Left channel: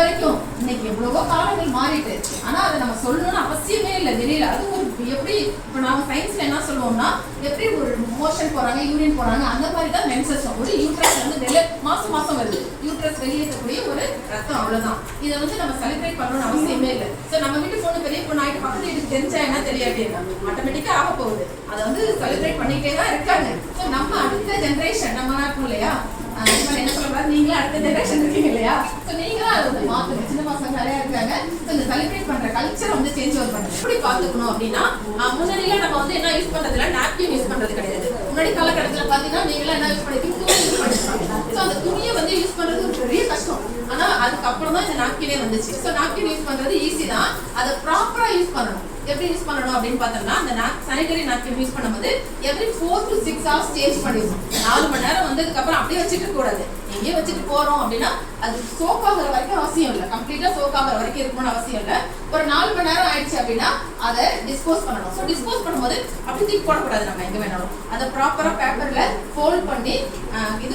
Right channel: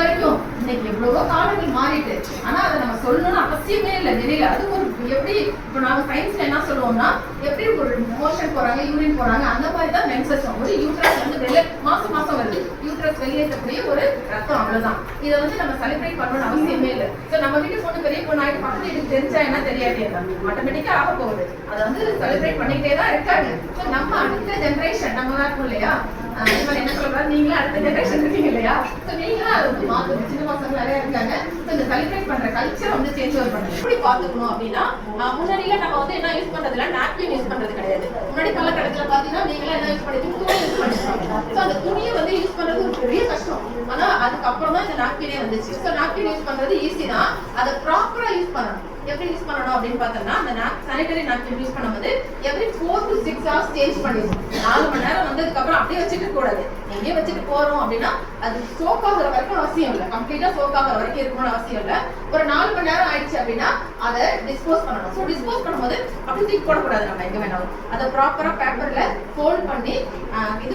வரைக்கும் இன்னைக்கு எவ்வளவோ காலங்கள் மாறிட்டு, ஆனா அதை நம்ம சொல்லணும்னு அவசியமே இல்லை வெளியில. அது ஒரு எப்படி இப்போ நாம சயின்ஸ்ல என்ன சொல்லுவோம்னா, எப்படி ஒரு மோஷன் போறாங்க, யூரின் போறாங்க, அந்த மாதிரி தான் மென்சஸும். ஒரு யூட்ரஸ் வந்து மாசம் வருது, யூட்ரஸ் வெளியேற்றக்கூடிய ஒரு ரத்தம், அவ்வளவுதான். இதை வந்து நம்ம செலிப்ரேட் பண்ணணும்னு அவசியமே இல்லை. ஸோ நம்ம வீட்டு பொண்ணு பெரிய பொண்ணு ஆகிட்டு பக்கத்து வீட்டுக்கு தெரிஞ்சா என்ன தெரியாது, ஆட்டோமேட்டிக்கா ஆக போகுது. அதை வந்து செலிப்ரேட் பண்ணிக்கிட்டே தான் இருக்காங்க. ஸோ நம்ம அடுத்த ஜென்ரேஷன் நம்ம தான் இருக்கும் இல்லையா, என்ன சொல்றாரு, நீங்களும் அடுத்த ஜெனரேஷன் இருக்கீங்க இல்லையா, ஸோ நீங்களும் அதை வந்து மாற்றணும். சின்ன பசங்க நிறைய இருக்காங்க. ஸோ இந்த செலிப்ரேட் பண்ற கல்ச்சரை வந்து சேஞ்ச் ஓவர் பண்ணுங்க. எப்படி பார்த்துக்கணும் அப்படின்னா, முன்னாடியில நம்ம வந்து என்ன யூஸ் பண்றதுல நாப்கின் யூஸ் பண்றது கிடையாது. முன்னாடி காலகட்டத்தில் பார்த்தீங்கன்னா நீங்களும் என்ன யூஸ் பண்ணிருக்கீங்க, துணி யூஸ் பண்ணிருப்பாங்க. ஸோ அந்த துணியை வந்து யூஸ் பண்றது ஒரு பெரிய கஷ்டம். ஆனா அதுக்கப்புறம் தான் இந்த நாப்கினே வந்துச்சு. ஸோ நாப்கின் யூஸ் பண்றது ஈஸி தான், அதை ப்ராப்பரா யூஸ் பண்ணணும். எப்படி யூஸ் பண்ணணும் அப்படின்னு பார்த்தோம்னா, அந்த சானிட்டரி நாப்கின் யூஸ் பண்ணும்போது எவ்ரி 4 to 6 hours சேஞ்ச் பண்ணிடணும். 4 மணி நேரம் வந்ததுக்கு அப்புறம் அப்படியே வச்சுக்க கூடாது. எங்கேயே வச்சுட்டு போறோம் அப்படின்னா அது சோக் ஆகுற வரைக்கும் அவசியம் இல்லை, கம்ப்ளீட்டா சோக் ஆகுற வரைக்கும் இருக்கணும்னு அவசியம் இல்லை. ஒரு 4 மணி நேரம் ஆயிடுச்சு அப்படின்னா அதை டிஸ்போஸ் பண்ணணும். ஸோ டிஸ்போஸ் பண்ணும்போது அப்படி தூக்கி போடக்கூடாது. நம்ம எங்க வேணாலும் அதை ப்ராப்பரா பேப்பர்ல ஃபோல்ட் பண்ணி இது